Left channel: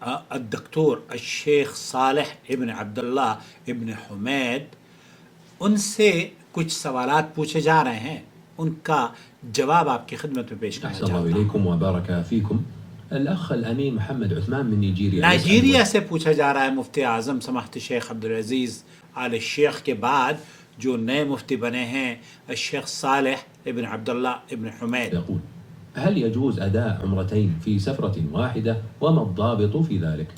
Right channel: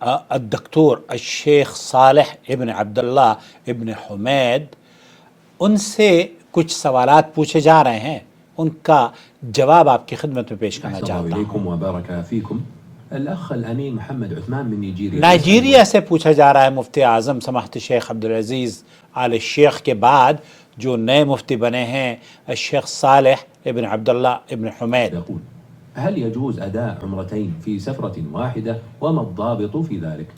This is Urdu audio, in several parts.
الدكتور الشيخ صالح ابن عبداللہ ابن حمید ان سے کچھ سوالات پوچھے جا رہے ہیں، ان کا جواب آپ کی خدمت میں پیش کرنا چاہتا ہوں۔ السلام علیکم وبارک فیکم۔ الاخ الامین محمد عثمان من نائجیریا سے پوچھا جا رہا ہے مفتی اعظم سماحت شیخ عبدالعزیز آل شیخ کے بعد جو نئے مفتی بنے ہیں الشیخ صالح ابن عبداللہ ابن حمید، يقول هل يجوز اداء عمرتين في سفرة واحدة وما الضابط في ذلك؟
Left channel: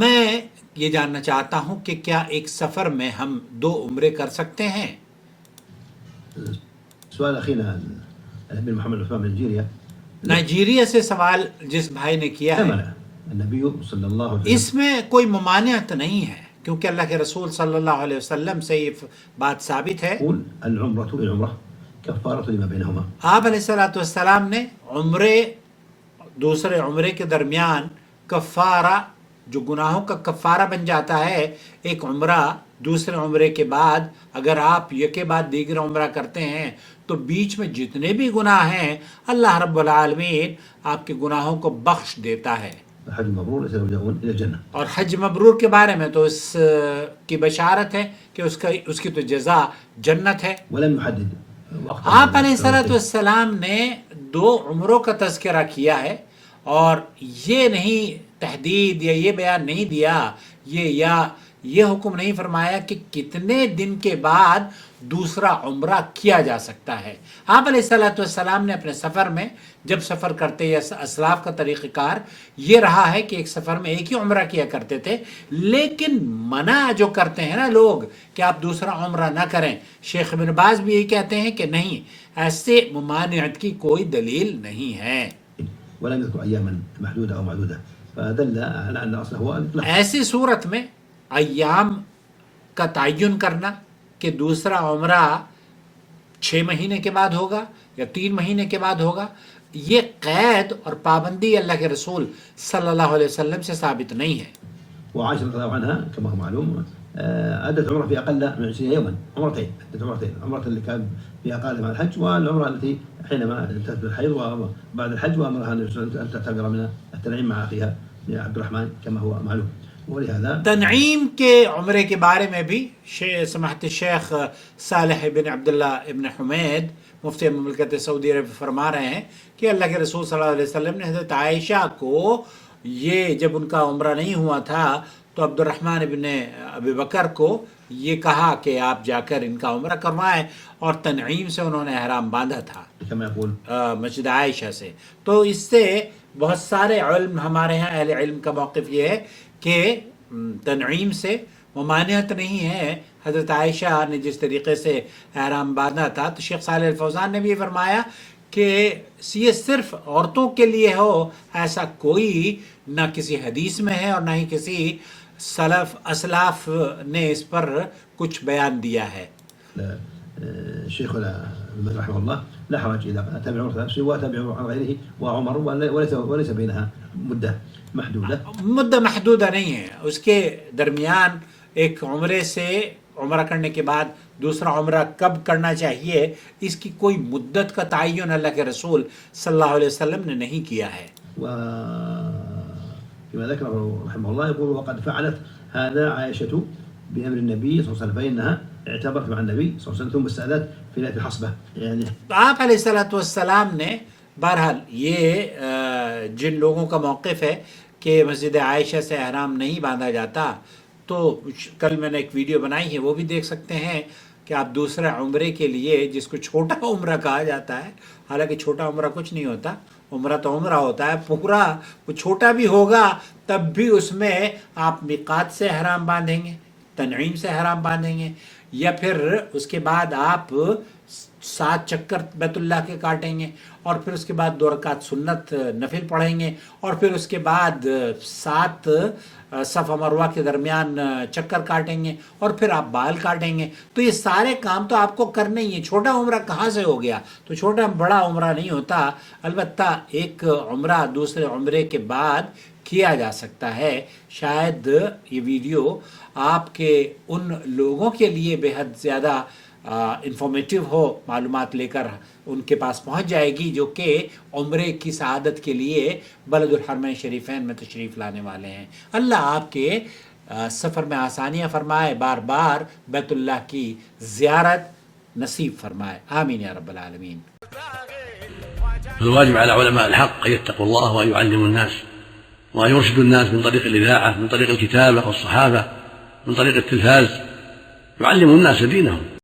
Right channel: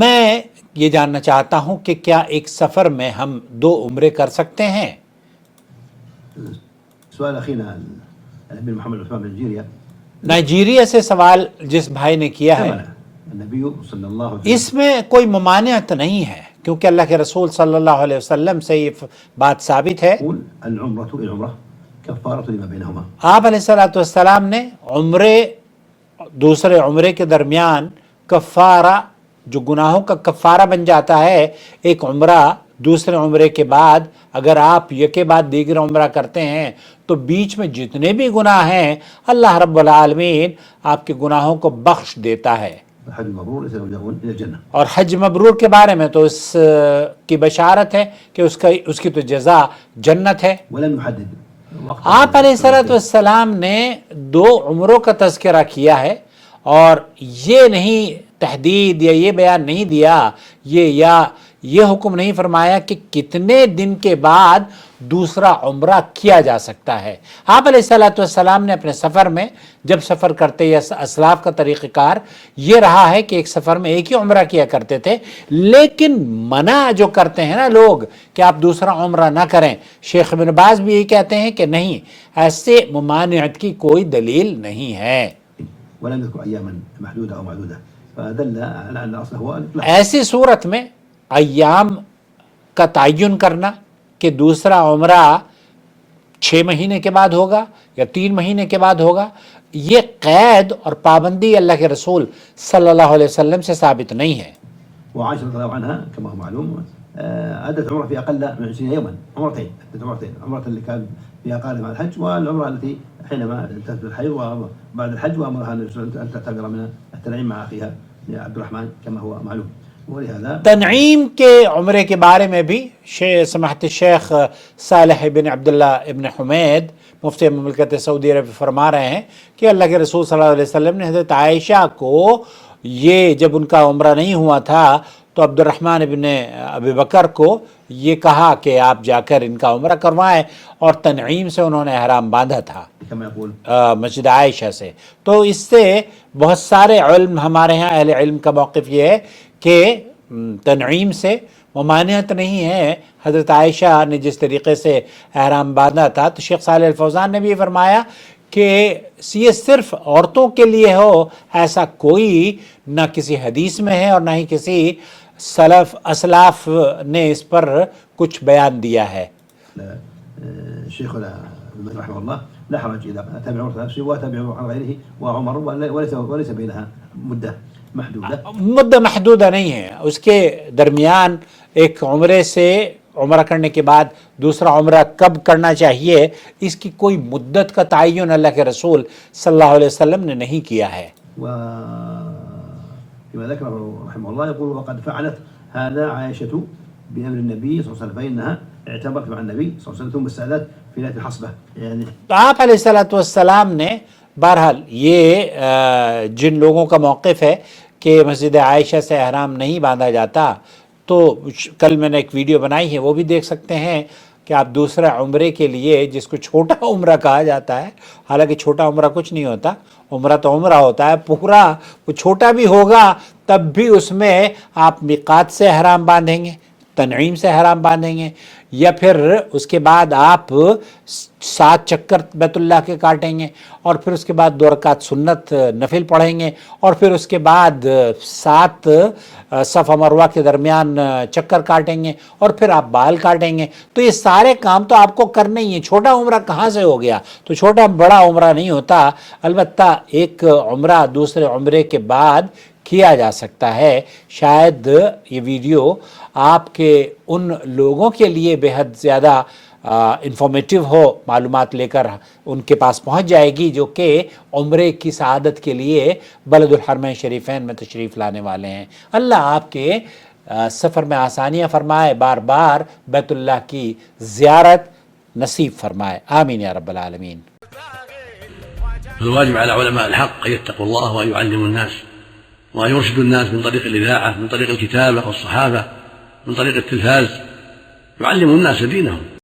میں یہ جاننا چاہتا ہوں کہ کیا ایک سفر میں ہم 2 عمرے کر سکتے ہیں؟ سؤال اخينا الامين محمد عثمان من نيجيريا، نائجیریا سے سوال جس بھائی نے کیا ہے، النبي صلى الله عليه وسلم اس میں کوئی ممانعت نہیں ہے کیونکہ اللہ کے رسول صلی اللہ علیہ وسلم سے یہ بات ثابت ہے۔ يقول العمرة العمرة كفارة لما بينهما۔ آپ علیہ الصلوۃ والسلام نے عمرے دوسرے عمرے کے درمیان کفارہ، جو گناہوں کا کفارہ بن جاتا ہے، ایک عمرہ دوسرے عمرے کے بعد اگر آپ یکے بعد دیگر عمرہ کرتے ہیں تو بیچ میں جتنے بھی گناہ ہیں اللہ رب العالمین آپ کے گناہوں کو بخش دیتا ہے۔ الحج المبرور يسارعون الى الجنة۔ اور حج مبرور کے بارے میں تو اس کی بشارت ہے کہ اس کی تو جزا جنت ہے۔ ولم يحدد آپ علیہ الصلوۃ والسلام نے 2 عمروں کا تذکرہ کیا ہے اور یہ نہیں تحدید یا یہ بیان نہیں دیا یہ حکم نہیں فرمایا کہ کتنے دن کے بعد دوسرا عمرہ کیا جا سکتا ہے۔ آپ علیہ الصلوۃ والسلام نے اپنے سفر میں جب سفر کرتے یا اسلاف کا طریقہ کار یہ رہا ہے کہ ایک سفر میں ایک ہی عمرہ کیا کرتے تھے، لیکن منع جو کرتے ہیں نا لوگ کہ آپ دوسرا عمرہ نہ کریں، شیخ ابن باز بھی یہ کہتے ہیں کہ نہیں، ایسے ممانعت کی کوئی دلیل نہیں ہے۔ ولم يذكر اياما محدودة او معدودة فدل على ان اصله هو الاطلاق۔ ایسی صورت میں ایام کا تعین کرنا کہ دوسرا عمرہ 6 مہینے کے بعد ہوگا یا 3 مہینے کے بعد ہوگا، یہ قید اور پابندی اللہ کے رسول صلی اللہ علیہ وسلم سے ثابت نہیں ہے۔ وعائشة رضي الله عنها كما هو معلوم أدت عمرة في أقل من 20 يوما، عمرتين، أدت عمرتين، عمرة اللي كان فيها قادم على الحج والعمرة التي حينما انتهت بالحيض وبعد الحج وأمرها أن تعتمر من التنعيم مع أخيها عبد الرحمن كما هو معلوم۔ ولهذا تنعیم کے عمرے کے بارے میں بھی سماحت الشیخ صالح بن عبداللہ ابن حمید مفتی مملکت سعودی عرب فرما رہے ہیں کہ اللہ کے رسول صلی اللہ علیہ وسلم نے حضرت عائشہ کو یہ جب ان کا عمرہ نہیں ہوا تھا تو عبد الرحمن ابن ابی بکر کو یہ کہا کہ آپ جا کر ان کا عمرہ کروائیں، اور تنعیم سے انہوں نے احرام باندھا تھا كما يقول مسجد عائشہ سے۔ تو اس سے بہت سارے علم، ہمارے ہاں اہل علم کا موقف یہ ہے کہ تنعیم سے ممانعت نہیں ہے۔ حضرت عائشہ نے جس طریقے سے احرام باندھا تھا تو شیخ صالح الفوزان نے بھی یہ فرمایا کہ یہ صرف عورتوں کے لیے ہو، ایسا کوئی نہ کسی حدیث میں ہے اور نہ ہی کسی سلف اسلاف نے اس پر کچھ بیان دیا ہے۔ الشيخ رحمه الله لا حرج إذا تابع عمرة نفسه وتابع عمرة غيره وعمر وليس بينها مدة محدودة۔ مدہ محدودہ نہیں ہے، اس کے درمیان ایک عمرے سے عمرہ کرنے کے بعد دوسرا عمرہ کب کرنا چاہیے اس کی کوئی مدت کا تعین اللہ کے رسول صلی اللہ علیہ وسلم نے نہیں کیا ہے۔ فيما ذكره رحمه الله يقول وقد فعلت هذا عائشة بأمر النبي صلى الله عليه وسلم فإنها اعتبرت مع النبي صلى الله عليه وسلم ثم استأذنت في ليلة الحصبة۔ يعني آپ علیہ الصلوۃ والسلام نے بہرحال یہ جن لوگوں کا موقف ہے کہ مسجد عائشہ سے احرام نہیں باندھا جاتا، تو کل میں نے ایک ویڈیو بنائی ہے وہ بھی دیکھ سکتے ہیں کہ آپ دوسرے عمرے کے لیے، جس کو چھوٹا عمرہ کہا جاتا ہے، حالانکہ چھوٹا عمرہ کچھ نہیں ہوتا، عمرہ تو عمرہ ہوتا ہے پورا، وہ چھوٹا بھی ہوگا تب بھی اس میں آپ میقات سے احرام باندھیں گے، تنعیم سے احرام باندھیں گے، یا پھر اس کے بعد آپ 7 چکر بیت اللہ کے کاٹیں گے، اور پھر اس کے بعد 2 رکعت سنت نفل پڑھیں گے، اور پھر اس کے بعد 7 صفا مروہ کے درمیان چکر کاٹیں گے، اور پھر آپ بال کاٹیں گے۔ تو یہ سارے کام تو آپ کو کرنے ہی ہیں۔ چھوٹا عمرہ کہاں سے ہو گیا؟ تو چھوٹا بڑا عمرہ نہیں ہوتا، البتہ ایک عمرہ دوسرے عمرے کے بعد کیا جا سکتا ہے۔ شاید یہ ویڈیو آپ کے ان لوگوں کے لیے بے حد زیادہ انفارمیٹیو ہو معلومات لے کر ان کے پاس پہنچ جائے گی جو کہ عمرے کی سعادت کے لیے بلد الحرمین شریفین میں تشریف لانے والے ہیں۔ اللہ آپ کے سفر میں آسانیاں فرمائے، بار بار بیت اللہ کی زیارت نصیب فرمائے، آمین یا رب العالمین۔ فالواجب على علماء الحق أن يتقوا الله وأن يعلموا الناس وأن يرشدوا الناس من طريق الإذاعة، من طريق الكتابة والصحافة، من طريق التلفاز، يعلموا الناس دينهم.